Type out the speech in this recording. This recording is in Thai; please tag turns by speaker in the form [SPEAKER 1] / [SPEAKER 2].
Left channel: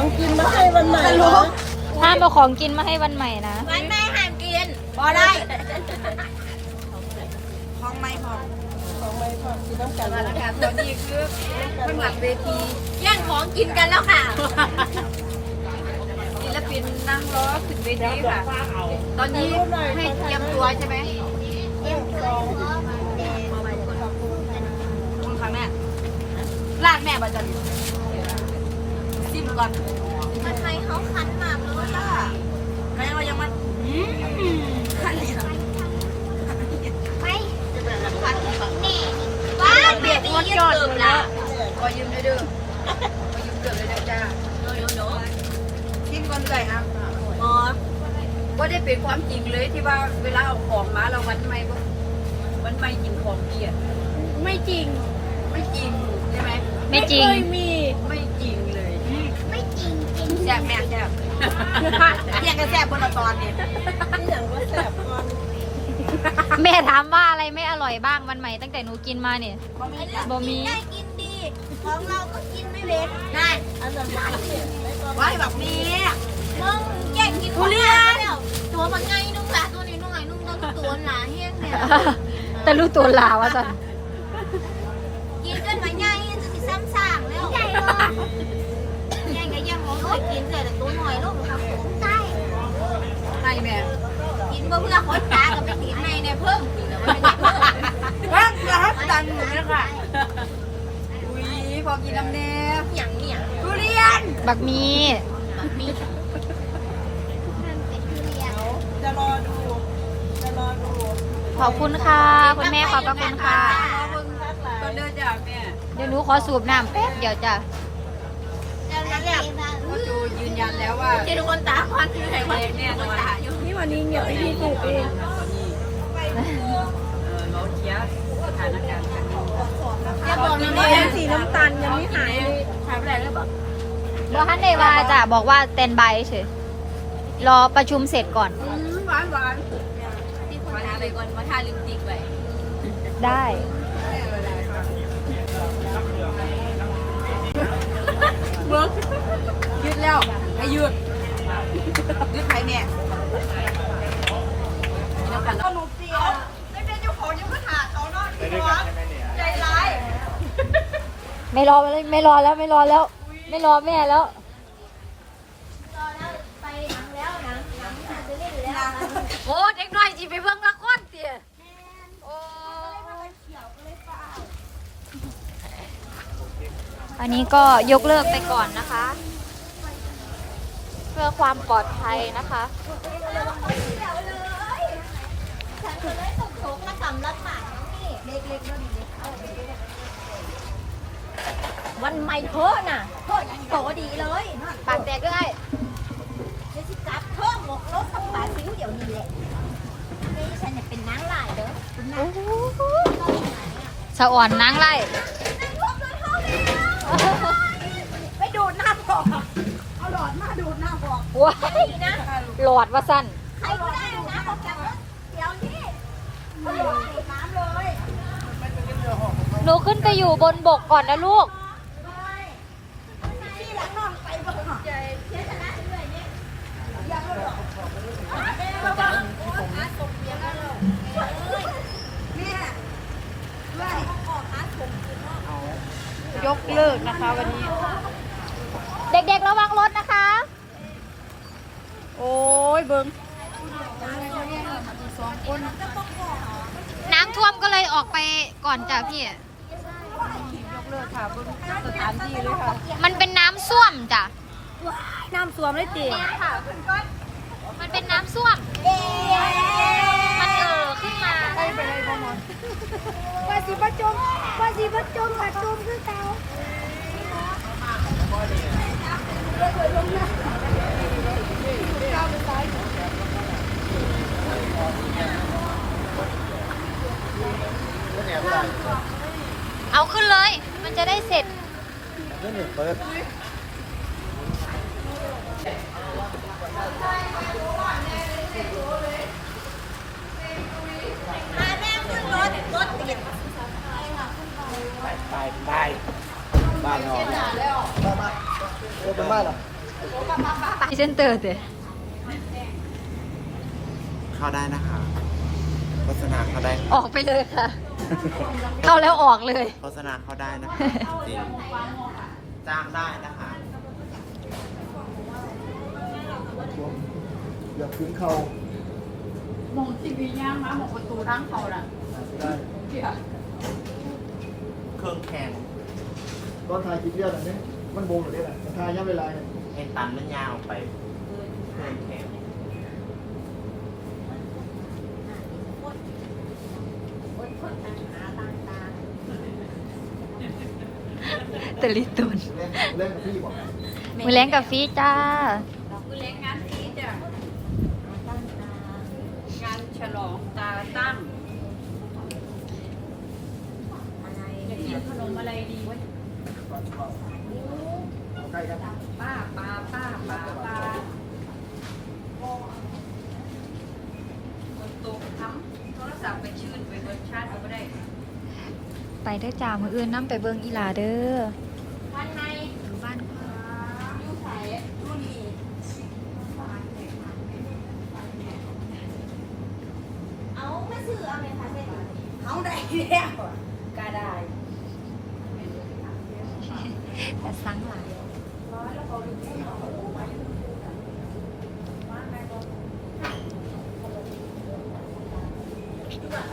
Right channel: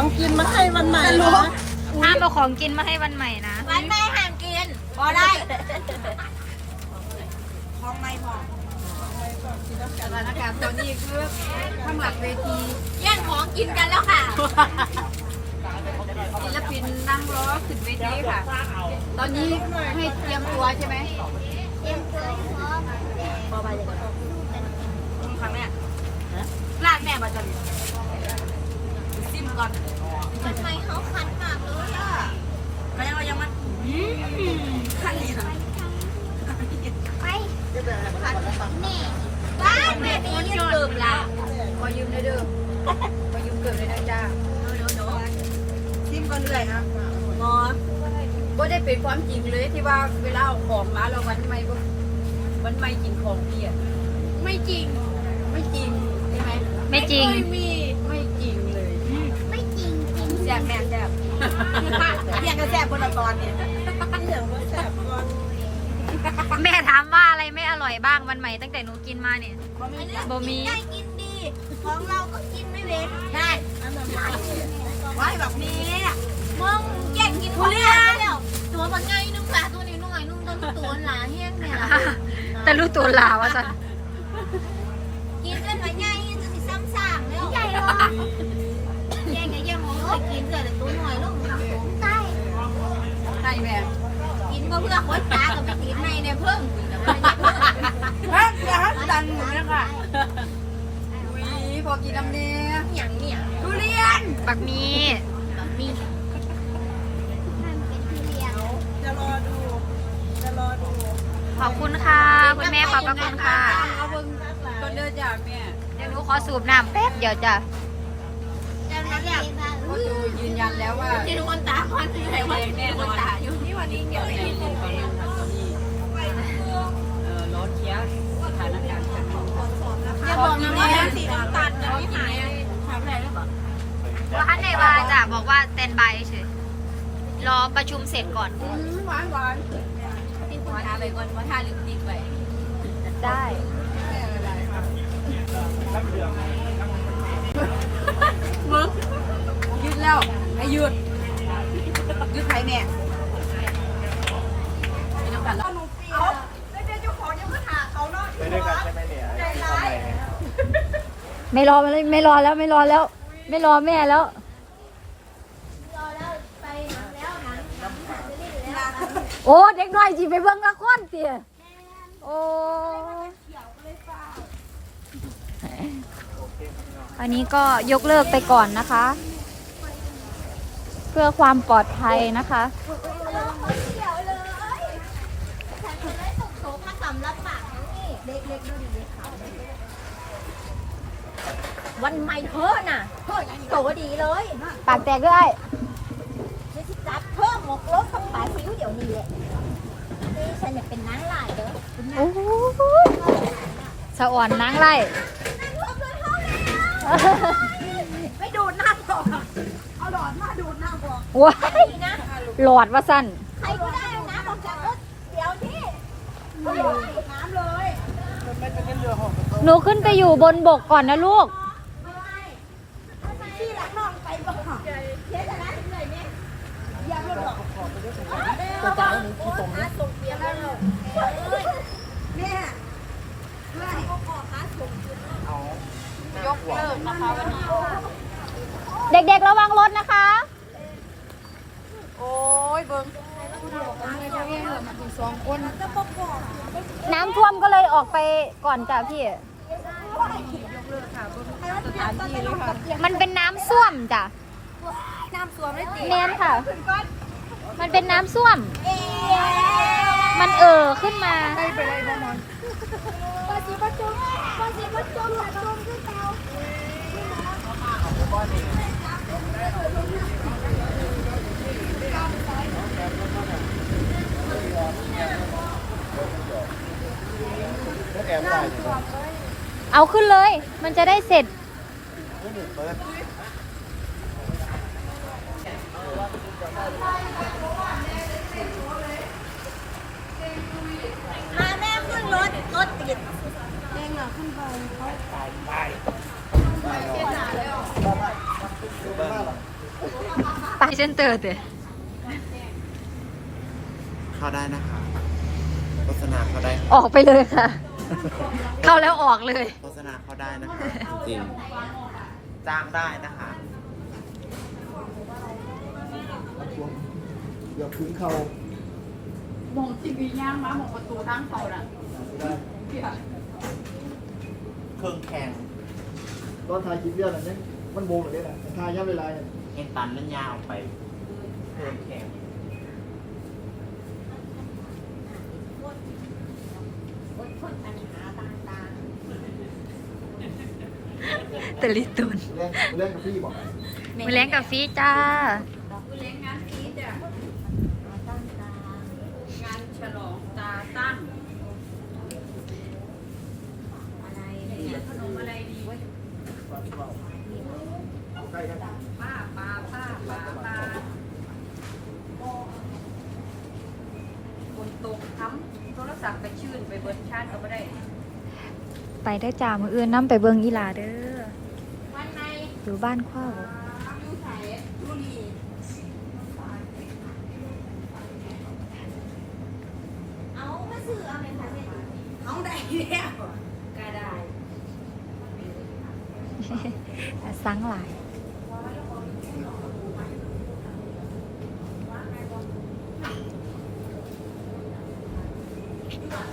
[SPEAKER 1] กินมาให้วันใหม่นะ
[SPEAKER 2] ห้ามเอาของกินมาให้วันใหม่นะ
[SPEAKER 3] วันใหม่ห้ามกินบ่ได้ของไม่พอ
[SPEAKER 1] กินน้ำกัน
[SPEAKER 3] นะคะตอนนี้คือข้างหลังเวทีแย่งของกินกันแล้วค่ะศิลปินนั่งรอขึ้นเวทีค่ะตอนนี้ให้เตรียมตัวใช่ไหมเตรียมตัวพร้อมคุณค่ะแม่ลากแม่มาจันซิมก่อนมันไทยเขาคันมากเลยอ่ะก็ยังว่ายังมันคันเลยค่ะไปคันนี่บ้านแม่ไม่ยืมเกิมละขอยืมด้วยเด้อขอยืมเกิมเลยนะจ้าโน้ซิมก่อนเลยครับอ๋อก็ได้เป็นความจริงเลยที่ว่าเวลาเอาของมาเราวันไม่บ่วันไม่จริงของเกียรไม่จริงไม่จริงใช่ไหม
[SPEAKER 2] ไม่จริง
[SPEAKER 3] ไม่มีไม่จริงเลยไม่จริงจริงแซ่บแม่แซ่บเรียกกันแซ่บบนละตอนเนี่ย
[SPEAKER 1] อย่างว่าแสบก่อน
[SPEAKER 2] แม่ถามว่าอะไรไม่อร่อยบ้างวันใหม่ตั้งแต่หนูกินมาเนี่ยบ่มี
[SPEAKER 3] ได้กินดีของเราก็กินไม่เว้นนั่นอันนั้นไว้แบบนี้มึงแย่งกินทุเรียนตัวมันไงนุ่งละตัวนี้นุ่งไงนุ่งตัวหนาเฮี้ยงเนี่ย
[SPEAKER 2] แต่รู้ตัวลาวะสัน
[SPEAKER 3] กินกันมาไงจะสิซ้ำสร้างแล้วใหญ่หรอแย่งกับแย่งของเคยกินเลยแต่ตัวหน่อยลูกมันทำสูงใช่ใช่แม่กินเพื่อขนตากับไปติดในเนี่ยเพิ่มกินแล้วไม่ได้เพิ่มดังหนูนะคะพอกินน้ำเนี้ยอย่างเนี่ยทุเรียน
[SPEAKER 2] บักมี
[SPEAKER 1] จะรอดู
[SPEAKER 2] ขอบคุณค่ะคุณแม่ขอบพระคุณค่ะ
[SPEAKER 3] ก็เดินจากแม่
[SPEAKER 2] เดี๋ยวหนูขอสูบน้ำแป๊บเดี๋ยวจ้ะ
[SPEAKER 3] พ่อจูยืนยันแล้วว่าที่ทุกคนตาควันที่ไหนวันนี้คนตาอยู่ที่วันนี้เงียบที่สุดเลยตอนนี้รถเชียร์สถานการณ์กันอย่าบอกนะว่าสีน้ำตาลยังไม่หายอะไรหรือเปล่า
[SPEAKER 2] บอกฮันเดว่าจ้ะบอกว่าเต้นใบเฉยรอประชุมเสร็จก่อน
[SPEAKER 3] หวานที่คนทาไปก่อนว่าทาลิปสติกไป
[SPEAKER 2] ได้
[SPEAKER 3] มึงยืดแล้วให้ยืดใครแม่มีน้ำกันแล้วหนูเปียกได้เจ้าของยังมาถาเขาเนาะไปด้วยกันใช่ไหมเนี่ยใจร้าย
[SPEAKER 2] ไม่รอแล้วไม่รอแม่แล้วรอแล้วไปหนังแล้วหนังจะเล่นแล้วโอ้เด็กน้อยจีไปเบิ่งละครเตี๋ยโอ้อันนี้ก็ยกเลิกไปก่อนนะคะเพื่อความปลอดภัยนะคะ
[SPEAKER 3] ฉันจะได้ส่งโชคมาสำรับหมากน้องนี่เล็กๆแล้วดีเล็กเขาวันใหม่เธอน่ะโตดีเลย
[SPEAKER 2] ปากแตกด้วย
[SPEAKER 3] จะสิจับเพิ่มหมกรถกับปลาซิวเดี๋ยวนี้แหละนี่ฉันเนี่ยเป็นนางลายเด้อคุณนาง
[SPEAKER 2] สะอ่อนนางไล่
[SPEAKER 3] ไปดูดน้ำบอกเอาหลอดมาดูดน้ำบอก
[SPEAKER 2] ว้ายนะหลอดว่าสั้น
[SPEAKER 3] ใครก็ได้นะออกจากรถเดี๋ยวที่เอาหลอดดูดน้ำเลย
[SPEAKER 2] หนูขึ้นไปอยู่บนบกก่อนนะลูก
[SPEAKER 3] ที่หลังนอนไปบ่เจ๊จะน่าเหนื่อยเนี่ยยังไม่ดอกแม่บอกโอ้หาส่งเบียร์ก็แล้วแม่เลยเขาขอหาส่งคืนเนาะยกเลิกนะคะวันนี้
[SPEAKER 2] เด็กๆระวังรถนะคะ
[SPEAKER 3] โอ้ยเบิ้ง
[SPEAKER 2] น้ำท่วมก็เลยออกไปก่อนจ้ะพี่
[SPEAKER 3] ยกเลิกค่ะเบิ้งสถานที่เลยค่ะ
[SPEAKER 2] มันเป็นน้ำส้วมจ้ะ
[SPEAKER 3] น้ำส้วมเลยจี
[SPEAKER 2] แนมค่ะมันเป็นน้ำส้วมมันขึ้นมาเอาขึ้นเลยมันจะได้เสร็จ
[SPEAKER 3] มาแม่ขึ้นรถติด
[SPEAKER 4] บ้านนอน
[SPEAKER 2] ตายเส้นเตอร์เตะ
[SPEAKER 4] เข้าได้นะคะโฆษณาเข้าได้
[SPEAKER 2] ออกไปเลยค่ะ เข้าแล้วออกเลย
[SPEAKER 4] โฆษณาเข้าได้นะคะจริงๆจ้างได้นะคะ
[SPEAKER 5] อย่าพื้นเขา
[SPEAKER 3] มองทีวีย่างมาหมองประตูทางเขาน่ะ
[SPEAKER 5] ไม่ได้
[SPEAKER 3] เกี่ย
[SPEAKER 4] เครื่องแข่ง
[SPEAKER 5] ตอนถ่ายคลิปเรียกอะไรเนี่ยมันโบงหรือเนี่ยถ่ายย่ำเวลาเนี่ย
[SPEAKER 4] เอ็นตันเล่นยาวออกไปเครื่องแข่ง
[SPEAKER 2] ตะลิตุน
[SPEAKER 5] เล่นกับพี่บอก
[SPEAKER 2] มือแรงกับฟีจ้า
[SPEAKER 3] กูเลี้ยงงานพีจ้ะงานฉลองตาตั้งอะไรเนี่ยขนมอะไรดีเว้ย
[SPEAKER 5] ใกล้กัน
[SPEAKER 3] ป้าคนตกทำโทรศัพท์ไปชื่นไปเบิร์ชาร์จเอาก็ได้
[SPEAKER 2] ไปได้อจ่ามืออื่นน้ำไปเบิงอีหลาเด้อ
[SPEAKER 3] วันไหน
[SPEAKER 2] อยู่บ้านข้าว
[SPEAKER 3] ยูไสยูนีเอาไม่ซื้อเอาไหมคะเจ๊ตุ๋นเอาได้แล้วก็ได้
[SPEAKER 2] แต่สังหลาย
[SPEAKER 3] เ